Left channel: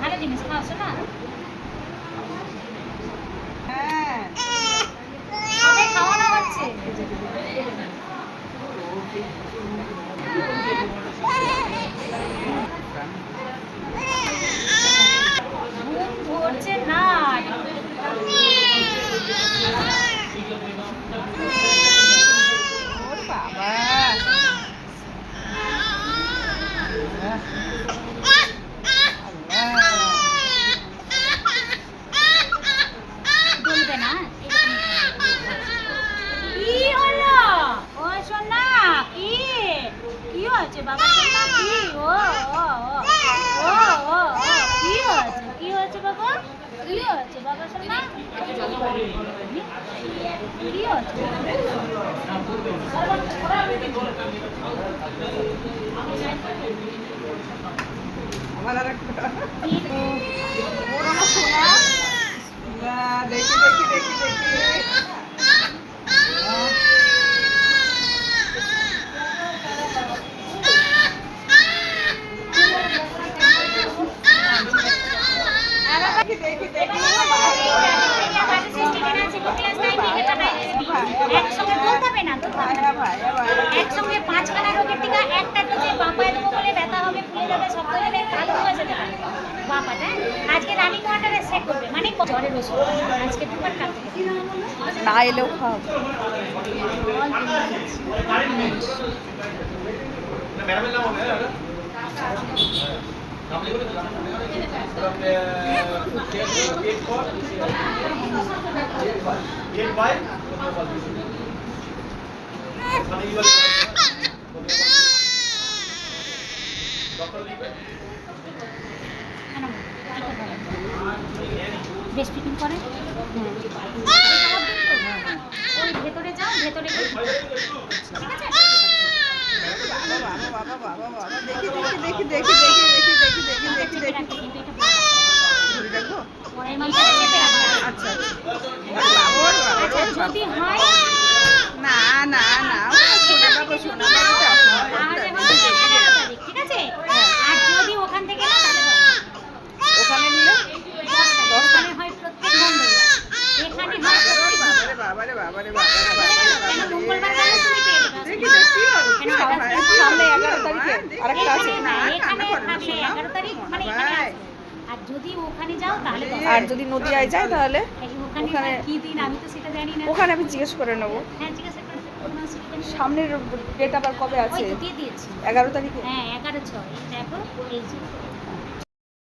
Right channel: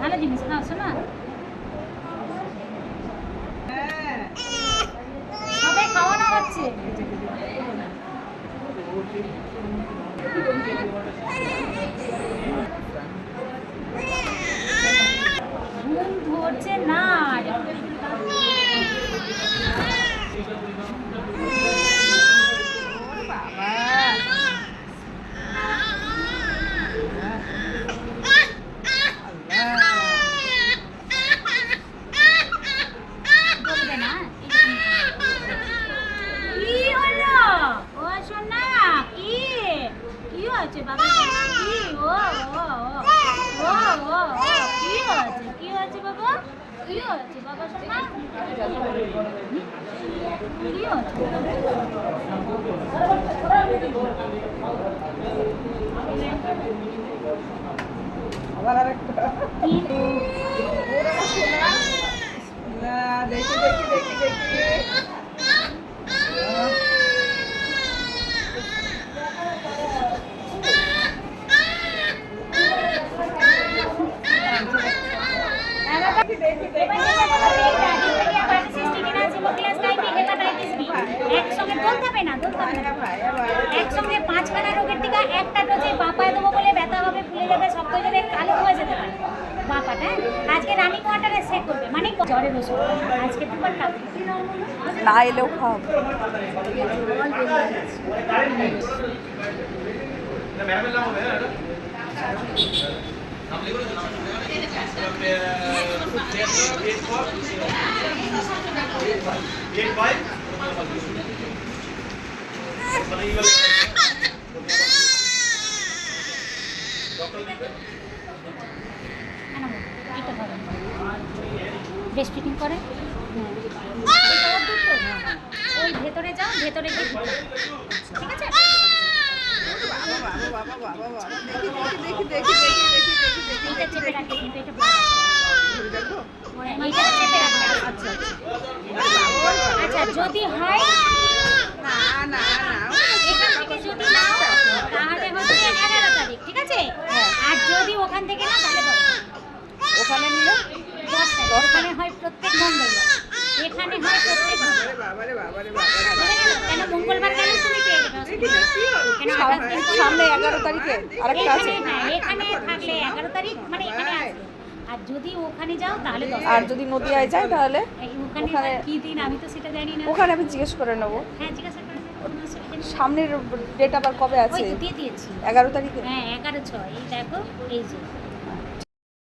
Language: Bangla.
ভালো জিনিস খাওয়াছো না? সবাই খাওয়ানো হচ্ছে। ঘুম ধরছে না। বাবা কি ও ও ও ও কি হচ্ছে? কি হচ্ছে বাবা? কি হচ্ছে বাবা সোনা? কি হচ্ছে? আবার আরেকটা ওর আমার সোনা না দেখি দেখি দেখি দেখি একসঙ্গে 5খানা রোগের টিকা একটা ডোজে বাপায় দেবো বলে ব্যথা হবে, ফুলে যাবে, শক্ত হবে, কালো হয়ে যেতে পারে বাপাটা। আজকে রানী কোয়ার্টারে চেক করবে, মানে জ্বরের ওষুধ আজকে দুবার খাচ্ছে না এলেও খাওয়াবো। বেস্ট ফিটিং করে ওই ভেতরে যাও, ভেতরে গিয়ে ঠিক আছে। আচ্ছা যদি হয় না না না তাহলে হচ্ছে 11 তারিখ, ঠিক আছে। আর যদি ওখান থেকে না তাহলে ওখানে নিলে 10 ওখানে হয় প্রত্যেক মঙ্গলবার, এখানে হয় প্রত্যেক কেন মঙ্গলবার গেলে তুমি পেয়ে যাবে। সামনে 11 তারিখে আরেকটা আছে, এখানে থাকবে 11 তারিখ, মানে এখানে আসবে। আর যদি ওখানে যাও তাহলে আর যদি নদিয়ায় যায় তাহলে ওখানে কি দিন আমি তো সেটা জানি না। ওখানে আমি জিজ্ঞেস করে নেবো। হ্যাঁ ঠিক আছে। সামনের ডেট আবার কবে আছে? 11 11 তারিখে। হ্যাঁ 11/6 এই দেখো এই যে